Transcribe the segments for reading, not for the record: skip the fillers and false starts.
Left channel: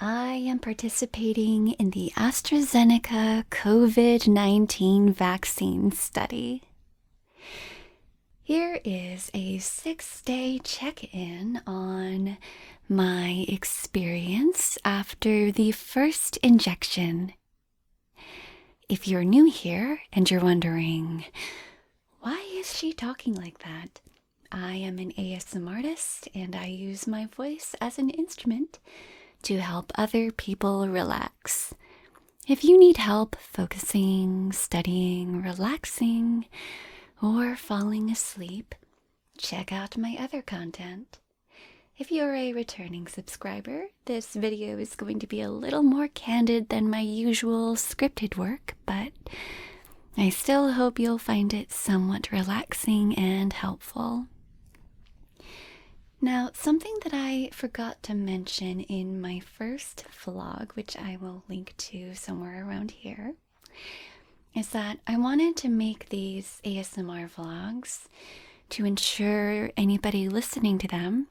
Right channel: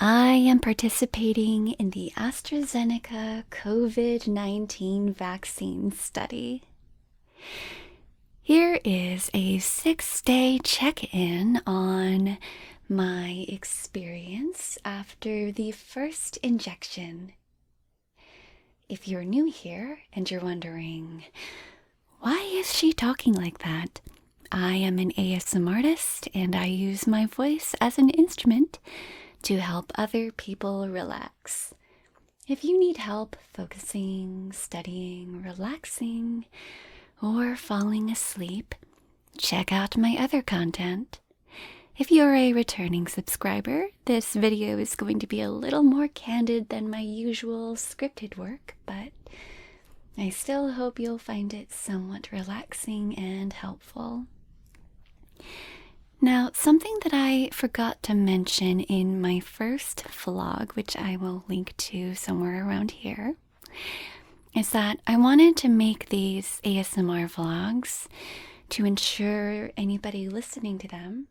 I am participating in the AstraZeneca COVID-19 vaccine study. Here is a 6-day check-in on my experience after the first injection. If you're new here and you're wondering, why is she talking like that? I am an ASMRtist and I use my voice as an instrument to help other people relax. If you need help focusing, studying, relaxing, or falling asleep, check out my other content. If you're a returning subscriber, this video is going to be a little more candid than my usual scripted work, but I still hope you'll find it somewhat relaxing and helpful. Now, something that I forgot to mention in my first vlog, which I will link to somewhere around here, is that I wanted to make these ASMR vlogs to ensure anybody listening to them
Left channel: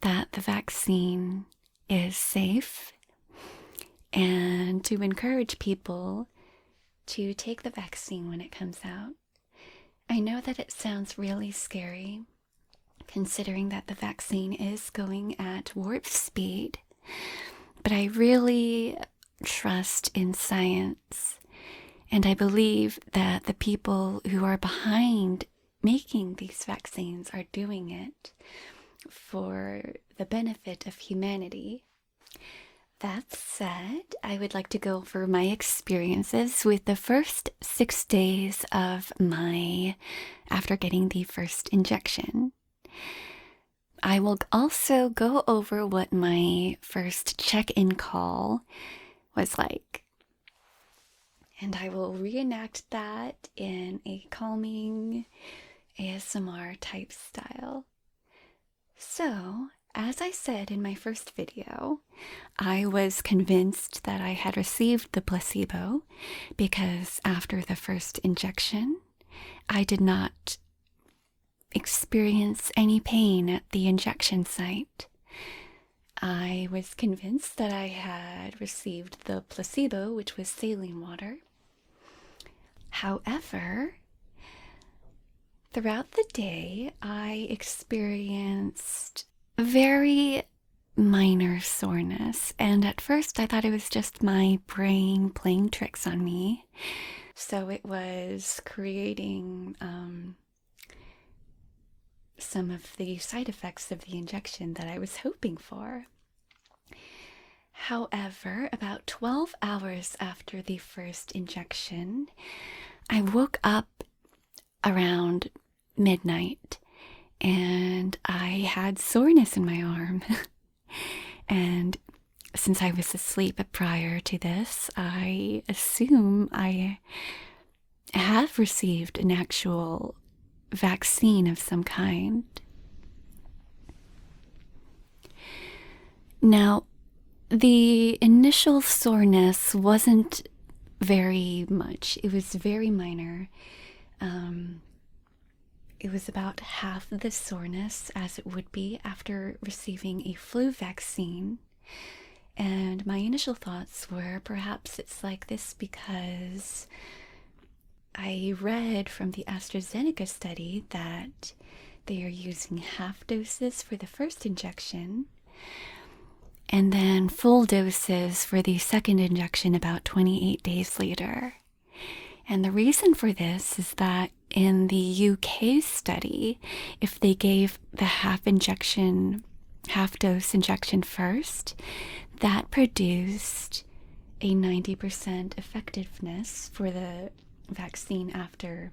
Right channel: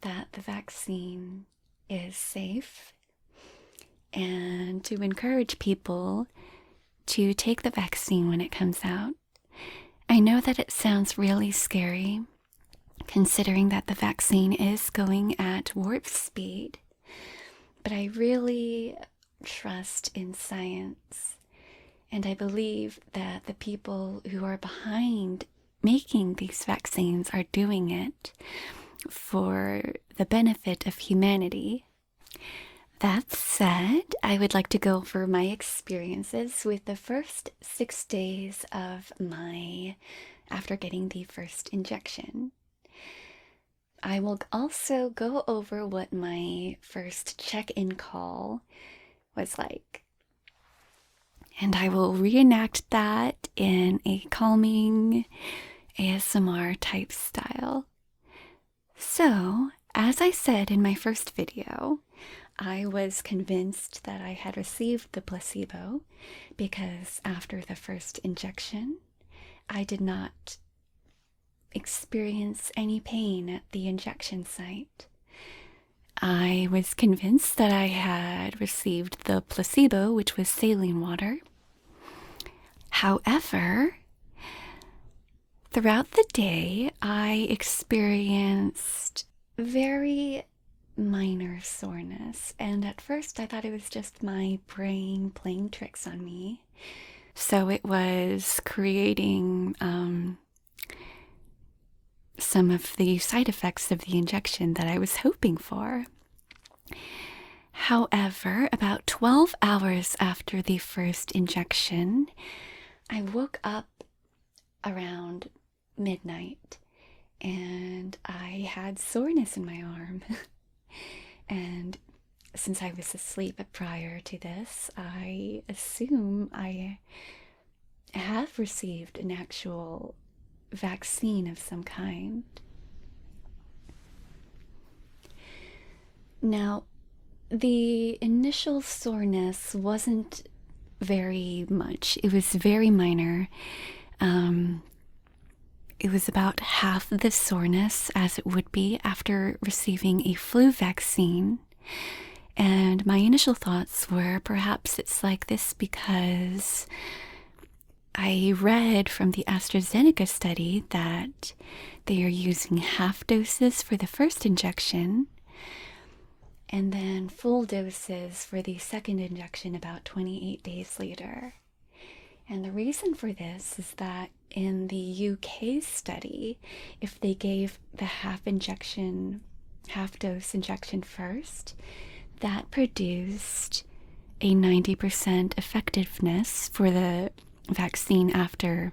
that the vaccine is safe and to encourage people to take the vaccine when it comes out. I know that it sounds really scary, considering that the vaccine is going at warp speed, but I really trust in science, and I believe that the people who are behind making these vaccines are doing it for the benefit of humanity. That said, I would like to go over my experiences with the first 6 days of after getting the first injection. I will also go over what my first check-in call was like. And I will reenact that in a calming ASMR type style. So, as I said in my first video, I was convinced that I had received the placebo because after the first injection, I did not experience any pain at the injection site. I was convinced that I had received the placebo, which was saline water. However, throughout the day, I experienced very minor soreness, and at first I thought it was just my brain playing tricks on me. So it was creating some of the side effects of the injection that I was hoping for. However, about 12 hours after the first injection, I woke up around midnight and I had soreness in my arm. And since I was asleep prior to this, I assume I have received an actual vaccine of some kind. Now, the initial soreness wasn't very much. It was very minor. It was about half the soreness as it would be after receiving a flu vaccine. And my initial thoughts were perhaps it's like this because I read from the AstraZeneca study that they are using half doses for the first injection and then full doses for the second injection about 28 days later. And the reason for this is that in the UK study, if they gave the half dose injection first, that produced a 90% effectiveness for the vaccine after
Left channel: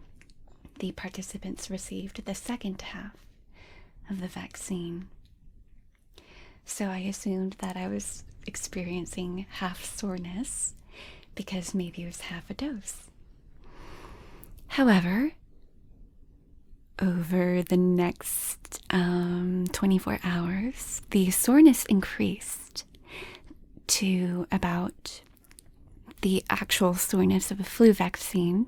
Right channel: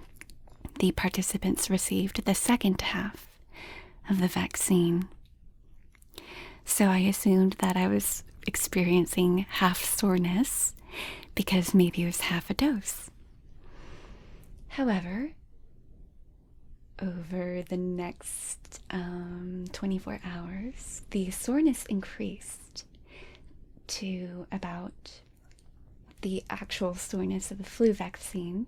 the participants received the second half of the vaccine. So I assumed that I was experiencing half soreness because maybe it was half a dose. However, over the next 24 hours, the soreness increased to about the actual soreness of a flu vaccine.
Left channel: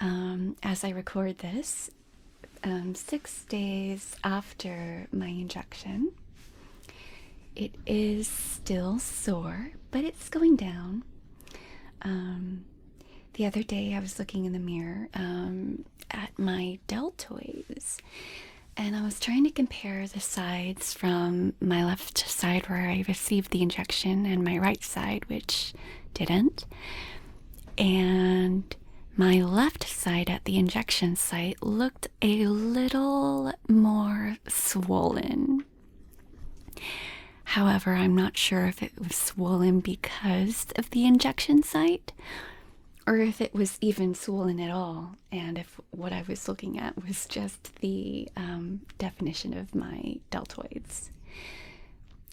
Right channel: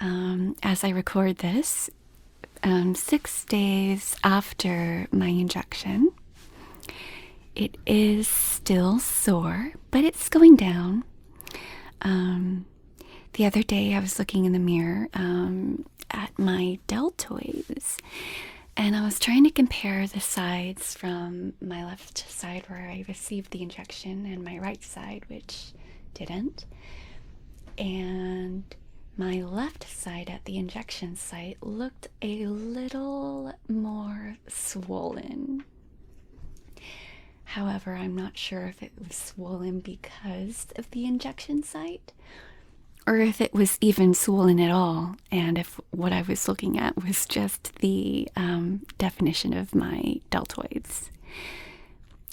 As I record this, 6 days after my injection, it is still sore, but it's going down. The other day I was looking in the mirror at my deltoids, and I was trying to compare the sides from my left side where I received the injection and my right side, which didn't. And my left side at the injection site looked a little more swollen. However, I'm not sure if it was swollen because of the injection site or if it was even swollen at all, and if what I was looking at was just the definition of my deltoids.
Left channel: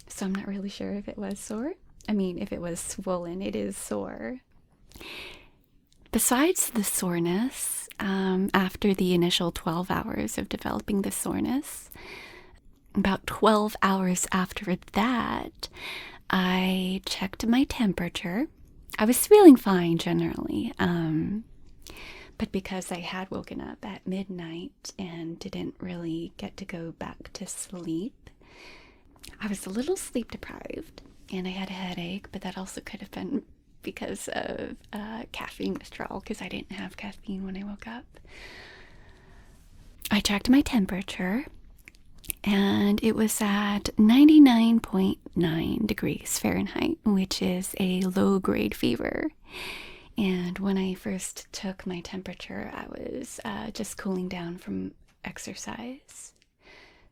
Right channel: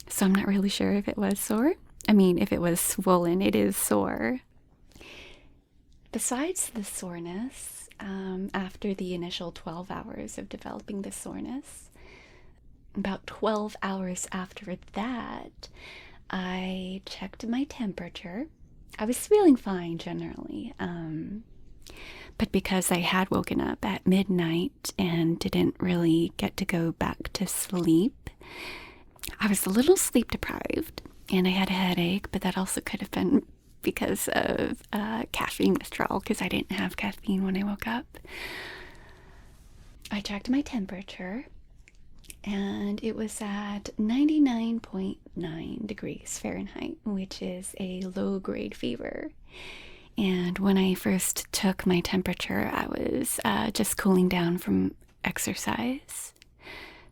So I'm not really sure if it was sore. I mean, if it was swollen, it is sore. Besides the soreness, after the initial 12 hours of developing the soreness, about 12 hours after that, I checked my temperature. I was feeling fine generally, but because I had woken up at midnight and didn't really get to go back to sleep, I was a little sleep deprived and I had a headache, but that also could have been because of caffeine withdrawal, because I didn't have caffeine when I woke up. I checked my temperature and it was at 99.9 degrees Fahrenheit, which is a low-grade fever. And when I first took my temperature, I was just cooling down from exercise.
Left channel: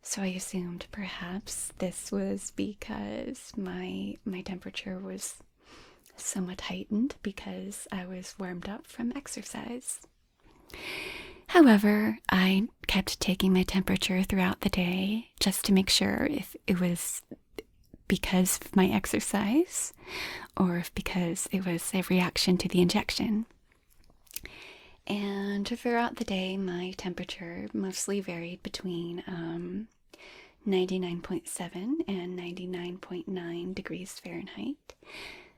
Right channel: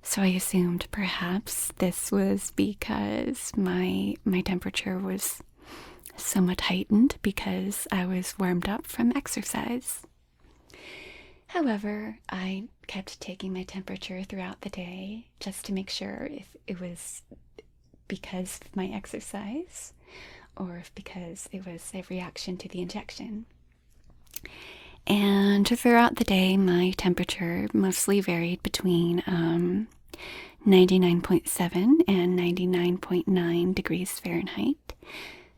So I assumed perhaps this was because my temperature was somewhat heightened because I was warmed up from exercise. However, I kept taking my temperature throughout the day just to make sure if it was because of my exercise or if because it was a reaction to the injection. And throughout the day, my temperature mostly varied between 99.7 and 99.9 degrees Fahrenheit,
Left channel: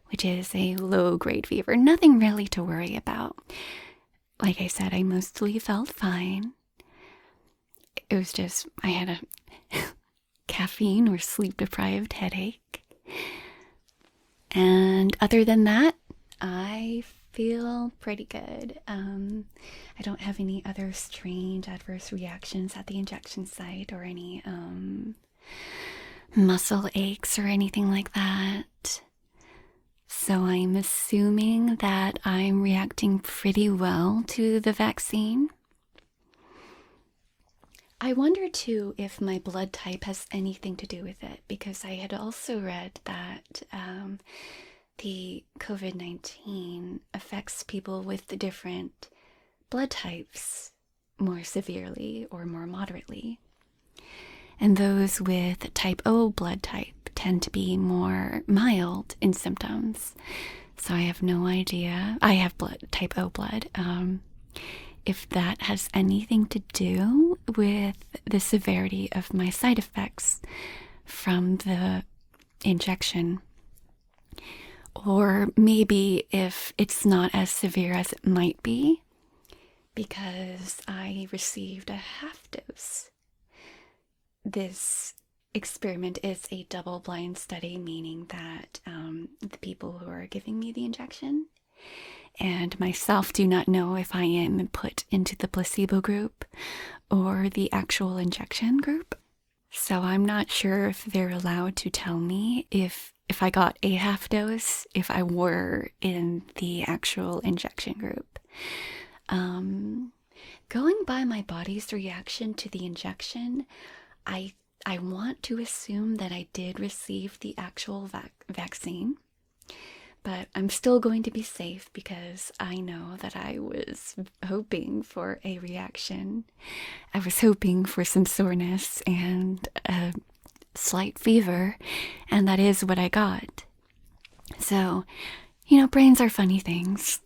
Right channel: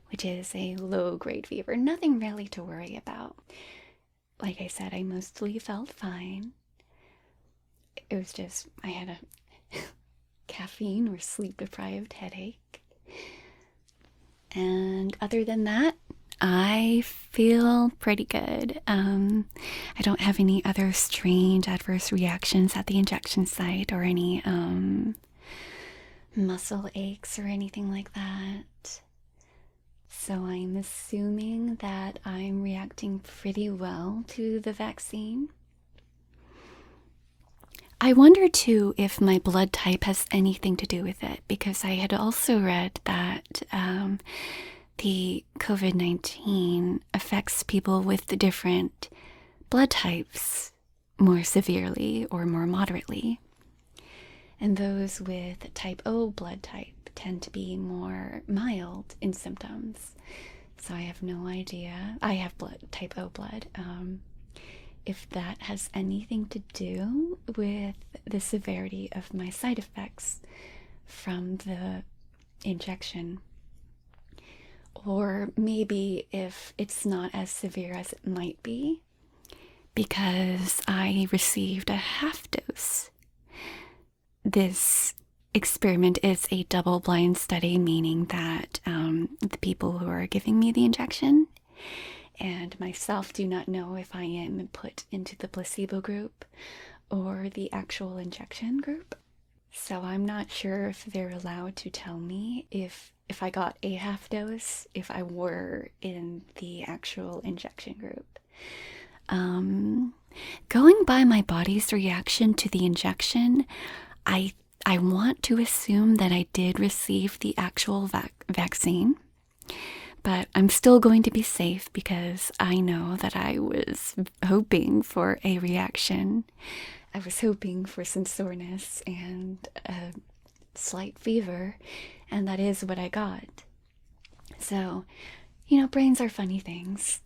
which is a low-grade fever. Nothing really to worry about. Like I said, I mostly felt fine. It was just, I had a caffeine or sleep-deprived headache. And other than that, I feel pretty good. I don't have any other strange adverse reactions at the injection site or any muscle aches or anything like that. So I'm assuming that I'm reacting pretty well to the vaccine. I wonder too if my blood type has anything to do with it, because I had also read that the COVID-19 affects people with the different blood types more severely or more moderately. And those with type O blood type tend to be more mild in symptoms. So I have no idea. I have type O blood. If that has anything to do with the severity of my side effects from the injection. Or maybe if it's not as severe as it might be, because I received a half dose. This experiment is a double-blind study, meaning that the people who are giving me the injection and myself do not know if I am put into the placebo group or the actual injection group. So I'm not sure if they're allowed to tell me if I got a half dose, if I were in the actual injection group. Going by my body's reaction to the injection, I want to assume that I did receive the actual vaccine, but I'm still going to be safe because I know that I was hoping for a reaction. I was hoping for some soreness and a slight fever, and that is what I got. So, brains are funny things.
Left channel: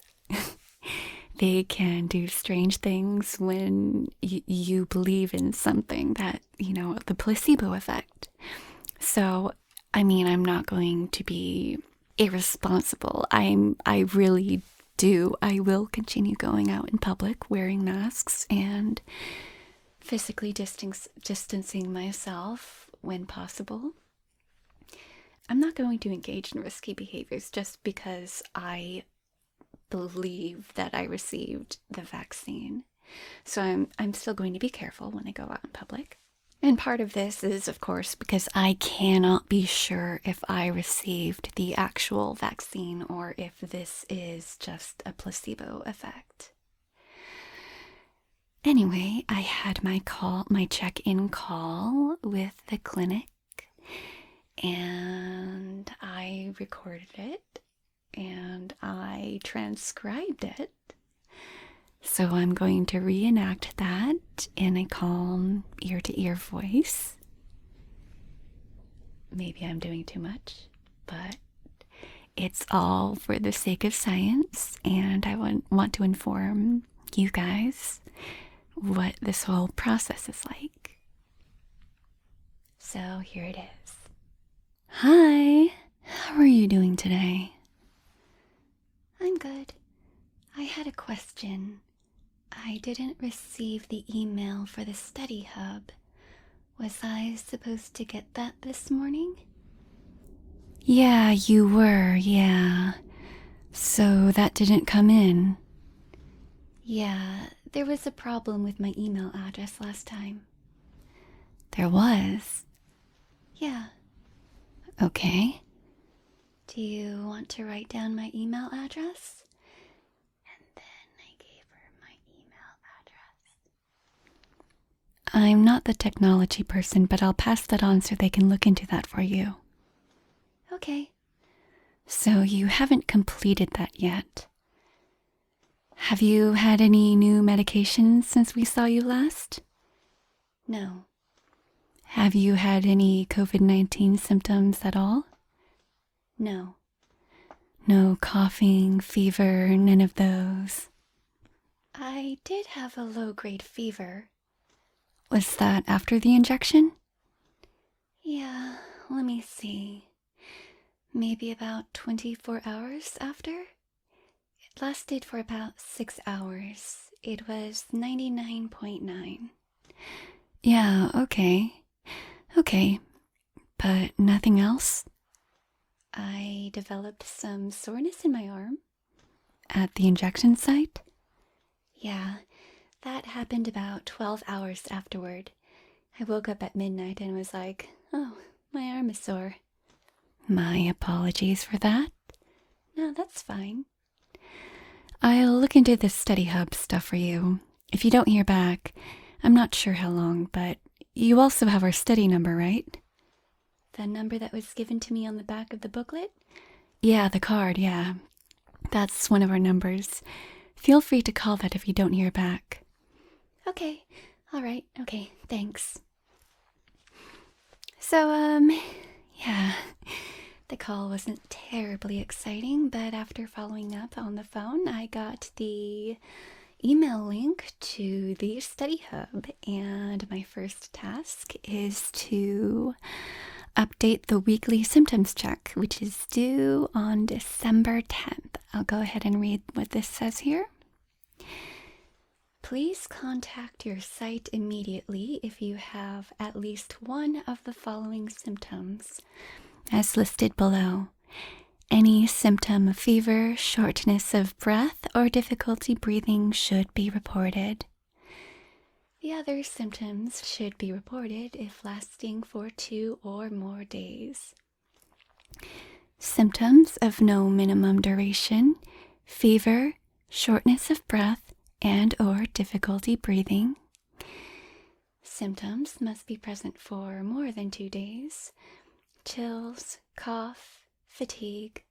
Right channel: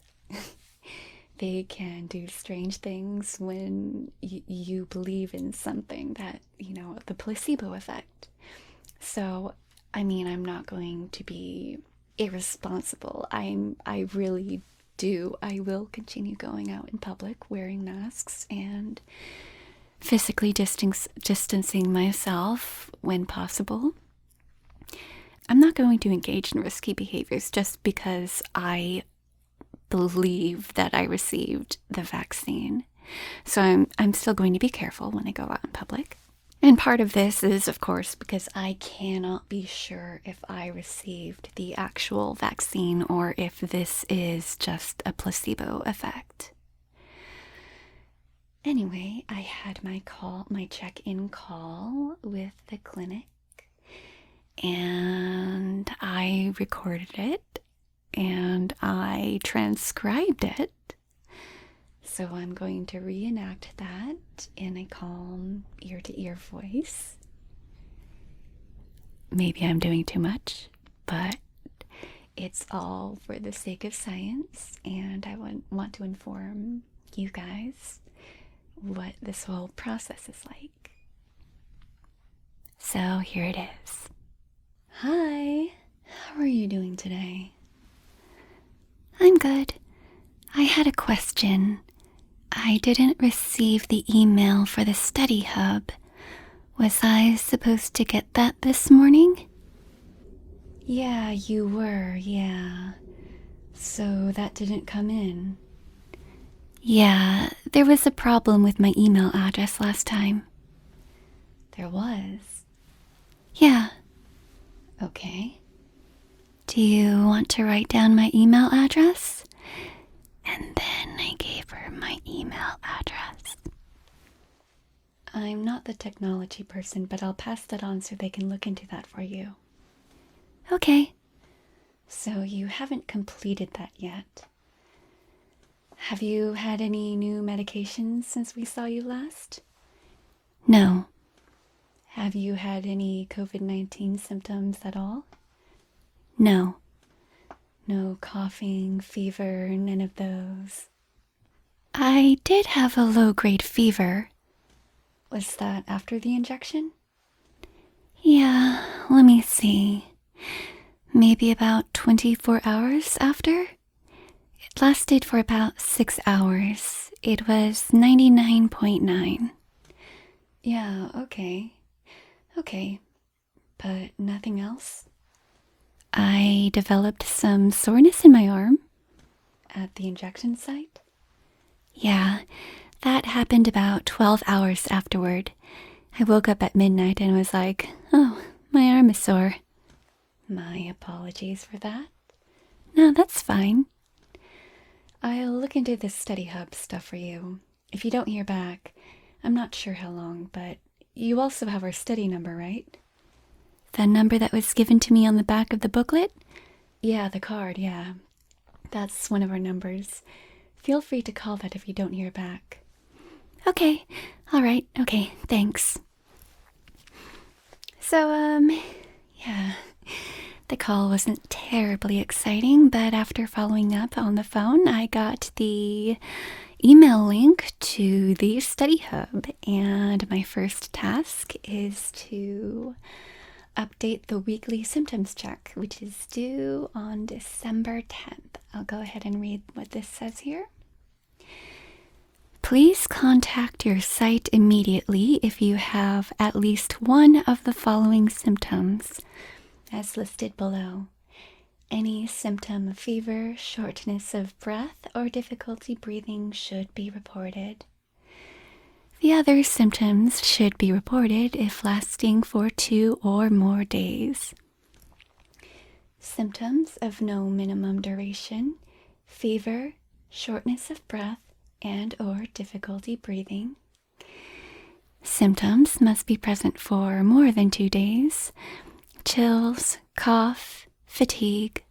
They can do strange things when you believe in something that, the placebo effect. So, I'm not going to be irresponsible. I really do. I will continue going out in public, wearing masks, and physically distancing myself when possible. I'm not going to engage in risky behaviors just because I believe that I received the vaccine. So I'm still going to be careful when I go out in public. And part of this is, of course, because I cannot be sure if I received the actual vaccine or if this is just a placebo effect. Anyway, I had my check-in call with the clinic, and I recorded it, and I transcribed it. So I'm going to reenact that in a calm, ear-to-ear voice. Maybe I'm doing too much, but it's all for the sake of science, and I want to inform you guys what this whole process is like. So here it is. Hi, how are you doing today? I'm good. I had a question. I didn't receive the email for the study hub. Was I supposed to get that this morning? Yeah, you were, yeah. So that didn't come in. Yeah, there was a problem with my email address last time. There was? Yeah. Okay. Do you want to write down my email address? And then I gave her my email address. I'm not the technology person, but I'll pass that on so they can look into that for you. Okay. So you haven't completed that yet. Have you had any new medications since we saw you last? No. Have you had any COVID-19 symptoms at all? No. No coughing, fever, none of those. I did have a low-grade fever. Was that after the injection? Yeah, let me see. Maybe about 24 hours after? It lasted for about 6 hours. It was 99.9. Yeah, okay. Okay, but nothing else? I developed some soreness in my arm at the injection site. Yeah, that happened about 12 hours afterward. I woke up at midnight and was like, oh, my arm is sore. My apologies for that. No, that's fine. I'll look into this study hub stuff for you. If you don't hear back, I'm not sure how long, but you also have our study number, right? The number that was given to me on the back of the booklet? Yeah, the card, yeah. That's one of our numbers. Feel free to call that if you don't hear back. Okay, alright, okay, thanks. So, yeah, the call wasn't terribly exciting, but after following up on the phone, I got the email link to the study hub, and my first task is to update the weekly symptoms check, which is due on December 10th. I'll go ahead and read what this says here. Please contact your site immediately if you have at least one of the following symptoms, as listed below. Any symptom of fever, shortness of breath, or difficulty breathing should be reported. The other symptoms should be reported if lasting for 2 or more days. Symptoms of no minimum duration, fever, shortness of breath, and or difficulty breathing. Symptoms must be present for more than 2 days. Chills, cough, fatigue,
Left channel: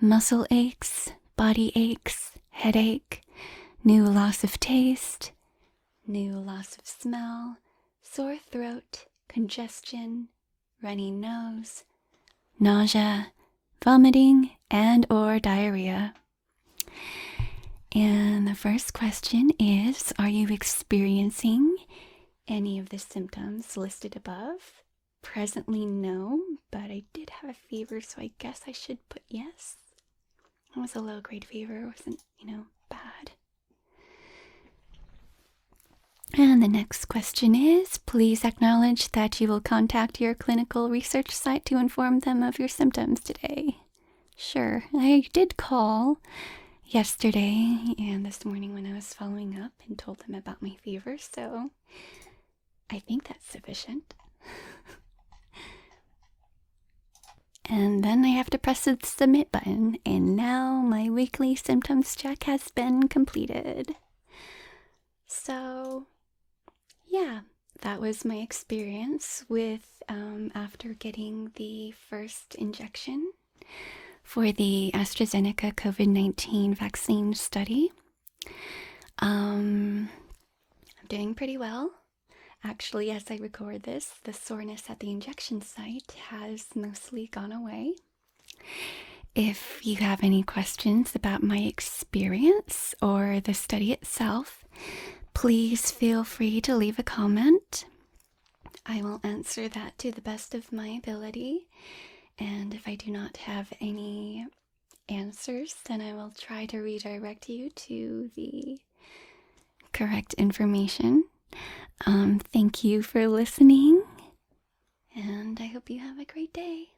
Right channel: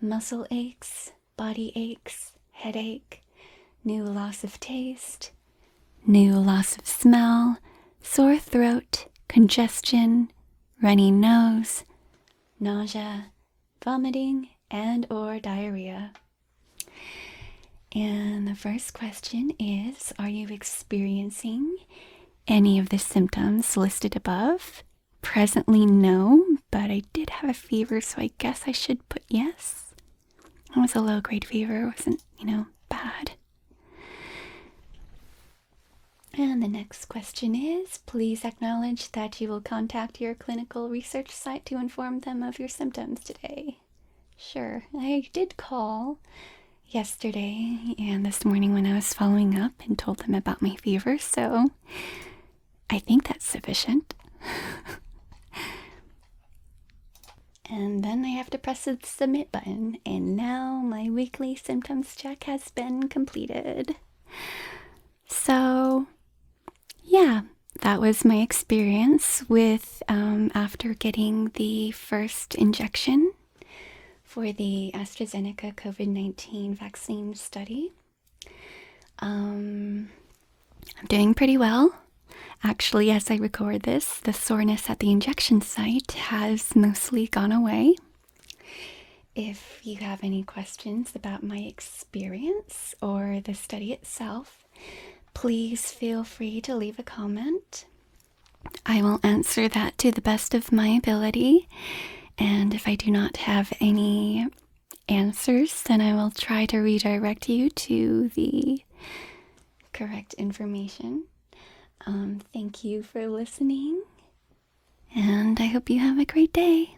muscle aches, body aches, headache, new loss of taste, new loss of smell, sore throat, congestion, runny nose, nausea, vomiting, and or diarrhea. And the first question is, are you experiencing any of the symptoms listed above? Presently, no, but I did have a fever, so I guess I should put yes. It was a low-grade fever. It wasn't, bad. And the next question is, please acknowledge that you will contact your clinical research site to inform them of your symptoms today. Sure, I did call yesterday and this morning when I was following up and told them about my fever, so I think that's sufficient. And then I have to press the submit button, and now my weekly symptoms check has been completed. So, yeah, that was my experience with after getting the first injection for the AstraZeneca COVID-19 vaccine study. I'm doing pretty well. Actually, as I record this, the soreness at the injection site has mostly gone away. If you have any questions about my experience or the study itself, please feel free to leave a comment. I will answer that to the best of my ability, and if I do not have any answers, then I will try to redirect you to the correct information. Thank you for listening, and I hope you have a great day.